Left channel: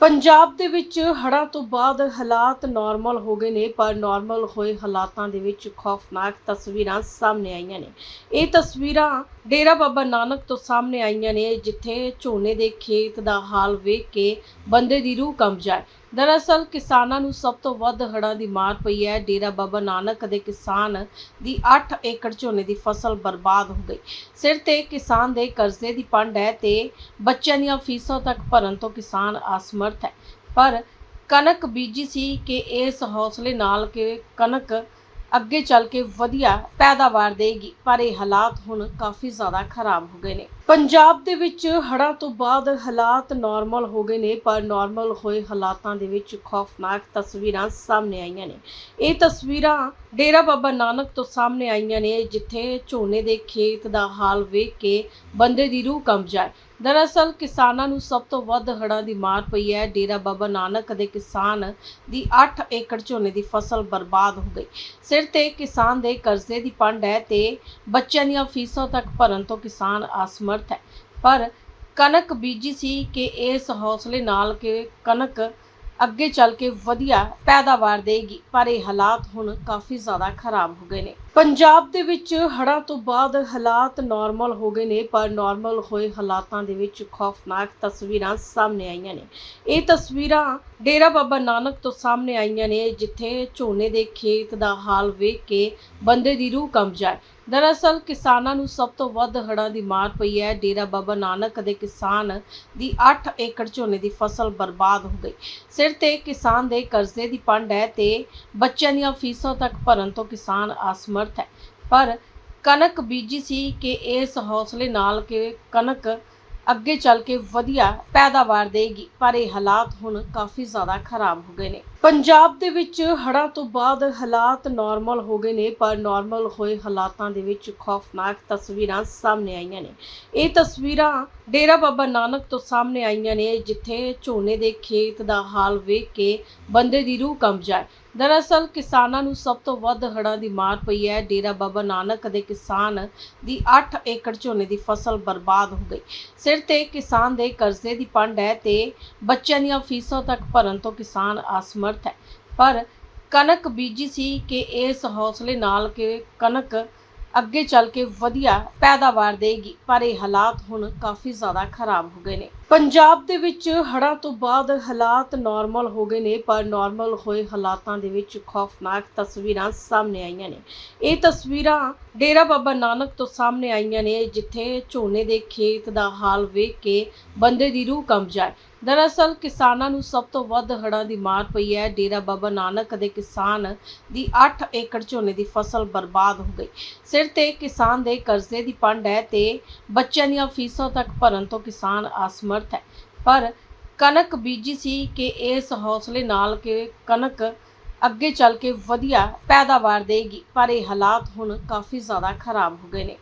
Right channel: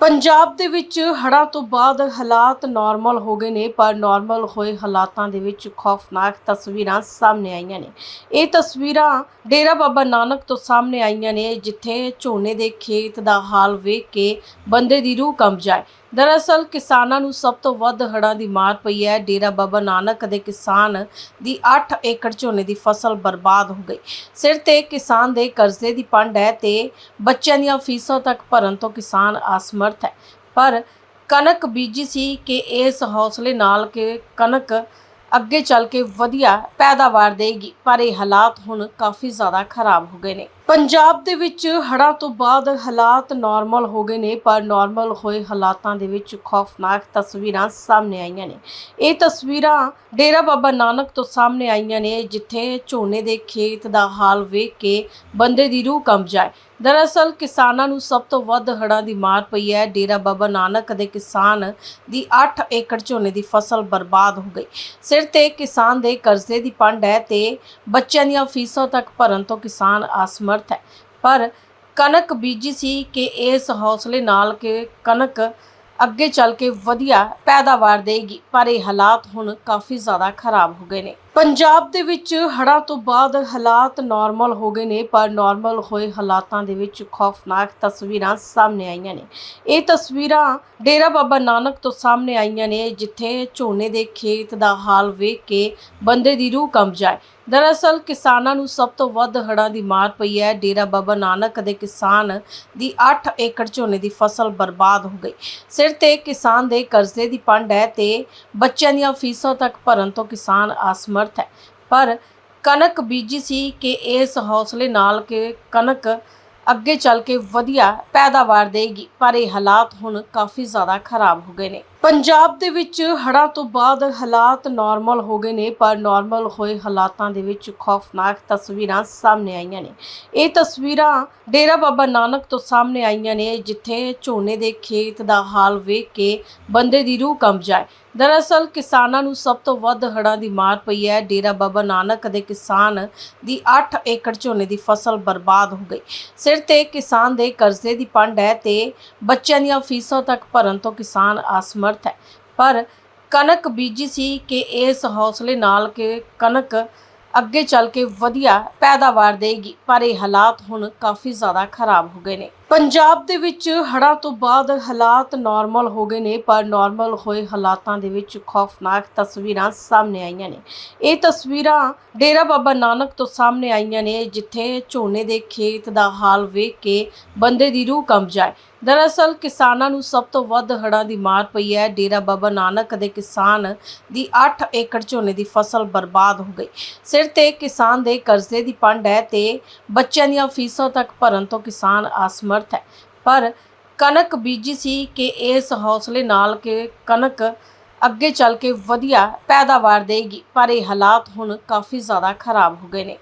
ਪੰਜਾਬ ਦੇ ਵਿੱਚ ਹੜ੍ਹਾਂ ਤੋਂ ਬਾਅਦ ਹਾਲਾਤ ਨਾਰਮਲ ਹੋ ਗਏ ਨੇ, ਪਰ ਨਾਰਮਲ ਹੋਏ ਹਾਲਾਤਾਂ ਦੇ ਵਿੱਚ ਖੌਫਨਾਕ ਤਸਵੀਰਾਂ ਸਾਹਮਣੇ ਆਈਆਂ ਨੇ। ਇਹ ਤਸਵੀਰਾਂ ਡੇਰਾ ਬਾਬਾ ਨਾਨਕ ਤੋਂ ਸਾਹਮਣੇ ਆਈਆਂ ਨੇ, ਜਿੱਥੇ ਝੋਨੇ ਦੇ ਖੇਤ ਦਾ ਹਾਲ ਵੇਖ ਕੇ ਬੰਦੇ ਦੀ ਰੂਹ ਕੰਬ ਜਾਏ। ਦਰਅਸਲ ਕਿਸਾਨਾਂ ਨੂੰ ਸਭ ਤੋਂ ਵੱਧ ਹੜ੍ਹਾਂ ਦੀ ਮਾਰ ਪਈ ਹੈ। ਡੇਰਾ ਬਾਬਾ ਨਾਨਕ ਦੇ ਕਿਸਾਨ ਦੀ 8 ਏਕੜ ਝੋਨੇ ਦੀ ਫਸਲ ਬਰਬਾਦ ਹੋ ਗਈ। ਸਿਰ ਤੇ ਕਿਸਾਨ ਦੇ ਕਰਜ਼ੇ ਦੀ ਪੰਡ ਹੈ ਤੇ ਬੱਚਿਆਂ ਦੀਆਂ ਫੀਸਾਂ ਤੱਕ ਭਰਨ ਤੋਂ ਕਿਸਾਨ ਅਸਮਰਥ ਹੈ। ਪਰ ਕਣਕ ਬੀਜੀ ਸੀ ਕਿ ਇਸ ਹੌਸਲੇ ਨਾਲ ਕਿ ਕਣਕ ਅੱਗੇ ਚੱਲ ਕੇ ਵਧੀਆ ਪੈਦਾਵਾਰ ਦੇਗੀ, ਪਰ ਇਹ ਹਾਲਾਤ ਹੁਣ ਕਾਫੀ ਜ਼ਿਆਦਾ ਖਰਾਬ ਹੋ ਗਏ ਨੇ। ਪੰਜਾਬ ਦੇ ਵਿੱਚ ਹੜ੍ਹਾਂ ਤੋਂ ਬਾਅਦ ਹਾਲਾਤ ਨਾਰਮਲ ਹੋ ਗਏ ਨੇ, ਪਰ ਨਾਰਮਲ ਹੋਏ ਹਾਲਾਤਾਂ ਦੇ ਵਿੱਚ ਖੌਫਨਾਕ ਤਸਵੀਰਾਂ ਸਾਹਮਣੇ ਆਈਆਂ ਨੇ। ਇਹ ਤਸਵੀਰਾਂ ਡੇਰਾ ਬਾਬਾ ਨਾਨਕ ਤੋਂ ਸਾਹਮਣੇ ਆਈਆਂ ਨੇ, ਜਿੱਥੇ ਝੋਨੇ ਦੇ ਖੇਤ ਦਾ ਹਾਲ ਵੇਖ ਕੇ ਬੰਦੇ ਦੀ ਰੂਹ ਕੰਬ ਜਾਏ। ਦਰਅਸਲ ਕਿਸਾਨਾਂ ਨੂੰ ਸਭ ਤੋਂ ਵੱਧ ਹੜ੍ਹਾਂ ਦੀ ਮਾਰ ਪਈ ਹੈ। ਡੇਰਾ ਬਾਬਾ ਨਾਨਕ ਦੇ ਕਿਸਾਨ ਦੀ 8 ਏਕੜ ਝੋਨੇ ਦੀ ਫਸਲ ਬਰਬਾਦ ਹੋ ਗਈ। ਸਿਰ ਤੇ ਕਿਸਾਨ ਦੇ ਕਰਜ਼ੇ ਦੀ ਪੰਡ ਹੈ ਤੇ ਬੱਚਿਆਂ ਦੀਆਂ ਫੀਸਾਂ ਤੱਕ ਭਰਨ ਤੋਂ ਕਿਸਾਨ ਅਸਮਰਥ ਹੈ। ਪਰ ਕਣਕ ਬੀਜੀ ਸੀ ਕਿ ਇਸ ਹੌਸਲੇ ਨਾਲ ਕਿ ਕਣਕ ਅੱਗੇ ਚੱਲ ਕੇ ਵਧੀਆ ਪੈਦਾਵਾਰ ਦੇਗੀ, ਪਰ ਇਹ ਹਾਲਾਤ ਹੁਣ ਕਾਫੀ ਜ਼ਿਆਦਾ ਖਰਾਬ ਹੋ ਗਏ ਨੇ। ਪੰਜਾਬ ਦੇ ਵਿੱਚ ਹੜ੍ਹਾਂ ਤੋਂ ਬਾਅਦ ਹਾਲਾਤ ਨਾਰਮਲ ਹੋ ਗਏ ਨੇ, ਪਰ ਨਾਰਮਲ ਹੋਏ ਹਾਲਾਤਾਂ ਦੇ ਵਿੱਚ ਖੌਫਨਾਕ ਤਸਵੀਰਾਂ ਸਾਹਮਣੇ ਆਈਆਂ ਨੇ। ਇਹ ਤਸਵੀਰਾਂ ਡੇਰਾ ਬਾਬਾ ਨਾਨਕ ਤੋਂ ਸਾਹਮਣੇ ਆਈਆਂ ਨੇ, ਜਿੱਥੇ ਝੋਨੇ ਦੇ ਖੇਤ ਦਾ ਹਾਲ ਵੇਖ ਕੇ ਬੰਦੇ ਦੀ ਰੂਹ ਕੰਬ ਜਾਏ। ਦਰਅਸਲ ਕਿਸਾਨਾਂ ਨੂੰ ਸਭ ਤੋਂ ਵੱਧ ਹੜ੍ਹਾਂ ਦੀ ਮਾਰ ਪਈ ਹੈ। ਡੇਰਾ ਬਾਬਾ ਨਾਨਕ ਦੇ ਕਿਸਾਨ ਦੀ 8 ਏਕੜ ਝੋਨੇ ਦੀ ਫਸਲ ਬਰਬਾਦ ਹੋ ਗਈ। ਸਿਰ ਤੇ ਕਿਸਾਨ ਦੇ ਕਰਜ਼ੇ ਦੀ ਪੰਡ ਹੈ ਤੇ ਬੱਚਿਆਂ ਦੀਆਂ ਫੀਸਾਂ ਤੱਕ ਭਰਨ ਤੋਂ ਕਿਸਾਨ ਅਸਮਰਥ ਹੈ। ਪਰ ਕਣਕ ਬੀਜੀ ਸੀ ਕਿ ਇਸ ਹੌਸਲੇ ਨਾਲ ਕਿ ਕਣਕ ਅੱਗੇ ਚੱਲ ਕੇ ਵਧੀਆ ਪੈਦਾਵਾਰ ਦੇਗੀ, ਪਰ ਇਹ ਹਾਲਾਤ ਹੁਣ ਕਾਫੀ ਜ਼ਿਆਦਾ ਖਰਾਬ ਹੋ ਗਏ ਨੇ। ਪੰਜਾਬ ਦੇ ਵਿੱਚ ਹੜ੍ਹਾਂ ਤੋਂ ਬਾਅਦ ਹਾਲਾਤ ਨਾਰਮਲ ਹੋ ਗਏ ਨੇ, ਪਰ ਨਾਰਮਲ ਹੋਏ ਹਾਲਾਤਾਂ ਦੇ ਵਿੱਚ ਖੌਫਨਾਕ ਤਸਵੀਰਾਂ ਸਾਹਮਣੇ ਆਈਆਂ ਨੇ। ਇਹ ਤਸਵੀਰਾਂ ਡੇਰਾ ਬਾਬਾ ਨਾਨਕ ਤੋਂ ਸਾਹਮਣੇ ਆਈਆਂ ਨੇ, ਜਿੱਥੇ ਝੋਨੇ ਦੇ ਖੇਤ ਦਾ ਹਾਲ ਵੇਖ ਕੇ ਬੰਦੇ ਦੀ ਰੂਹ ਕੰਬ ਜਾਏ। ਦਰਅਸਲ ਕਿਸਾਨਾਂ ਨੂੰ ਸਭ ਤੋਂ ਵੱਧ ਹੜ੍ਹਾਂ ਦੀ ਮਾਰ ਪਈ ਹੈ। ਡੇਰਾ ਬਾਬਾ ਨਾਨਕ ਦੇ ਕਿਸਾਨ ਦੀ 8 ਏਕੜ ਝੋਨੇ ਦੀ ਫਸਲ ਬਰਬਾਦ ਹੋ ਗਈ। ਸਿਰ ਤੇ ਕਿਸਾਨ ਦੇ ਕਰਜ਼ੇ ਦੀ ਪੰਡ ਹੈ ਤੇ ਬੱਚਿਆਂ ਦੀਆਂ ਫੀਸਾਂ ਤੱਕ ਭਰਨ ਤੋਂ ਕਿਸਾਨ ਅਸਮਰਥ ਹੈ। ਪਰ ਕਣਕ ਬੀਜੀ ਸੀ ਕਿ ਇਸ ਹੌਸਲੇ ਨਾਲ ਕਿ ਕਣਕ ਅੱਗੇ ਚੱਲ ਕੇ ਵਧੀਆ ਪੈਦਾਵਾਰ ਦੇਗੀ, ਪਰ ਇਹ ਹਾਲਾਤ ਹੁਣ ਕਾਫੀ ਜ਼ਿਆਦਾ ਖਰਾਬ ਹੋ ਗਏ ਨੇ। ਪੰਜਾਬ ਦੇ ਵਿੱਚ ਹੜ੍ਹਾਂ ਤੋਂ ਬਾਅਦ ਹਾਲਾਤ ਨਾਰਮਲ ਹੋ ਗਏ ਨੇ, ਪਰ ਨਾਰਮਲ ਹੋਏ ਹਾਲਾਤਾਂ ਦੇ ਵਿੱਚ ਖੌਫਨਾਕ ਤਸਵੀਰਾਂ ਸਾਹਮਣੇ ਆਈਆਂ ਨੇ। ਇਹ ਤਸਵੀਰਾਂ ਡੇਰਾ ਬਾਬਾ ਨਾਨਕ ਤੋਂ ਸਾਹਮਣੇ ਆਈਆਂ ਨੇ, ਜਿੱਥੇ ਝੋਨੇ ਦੇ ਖੇਤ ਦਾ ਹਾਲ ਵੇਖ ਕੇ ਬੰਦੇ ਦੀ ਰੂਹ ਕੰਬ ਜਾਏ। ਦਰਅਸਲ ਕਿਸਾਨਾਂ ਨੂੰ ਸਭ ਤੋਂ ਵੱਧ ਹੜ੍ਹਾਂ ਦੀ ਮਾਰ ਪਈ ਹੈ। ਡੇਰਾ ਬਾਬਾ ਨਾਨਕ ਦੇ ਕਿਸਾਨ ਦੀ 8 ਏਕੜ ਝੋਨੇ ਦੀ ਫਸਲ ਬਰਬਾਦ ਹੋ ਗਈ। ਸਿਰ ਤੇ ਕਿਸਾਨ ਦੇ ਕਰਜ਼ੇ ਦੀ ਪੰਡ ਹੈ ਤੇ ਬੱਚਿਆਂ ਦੀਆਂ ਫੀਸਾਂ ਤੱਕ ਭਰਨ ਤੋਂ ਕਿਸਾਨ ਅਸਮਰਥ ਹੈ। ਪਰ ਕਣਕ ਬੀਜੀ ਸੀ ਕਿ ਇਸ ਹੌਸਲੇ ਨਾਲ ਕਿ ਕਣਕ ਅੱਗੇ ਚੱਲ ਕੇ ਵਧੀਆ ਪੈਦਾਵਾਰ ਦੇਗੀ, ਪਰ ਇਹ ਹਾਲਾਤ ਹੁਣ ਕਾਫੀ ਜ਼ਿਆਦਾ ਖਰਾਬ ਹੋ ਗਏ ਨੇ।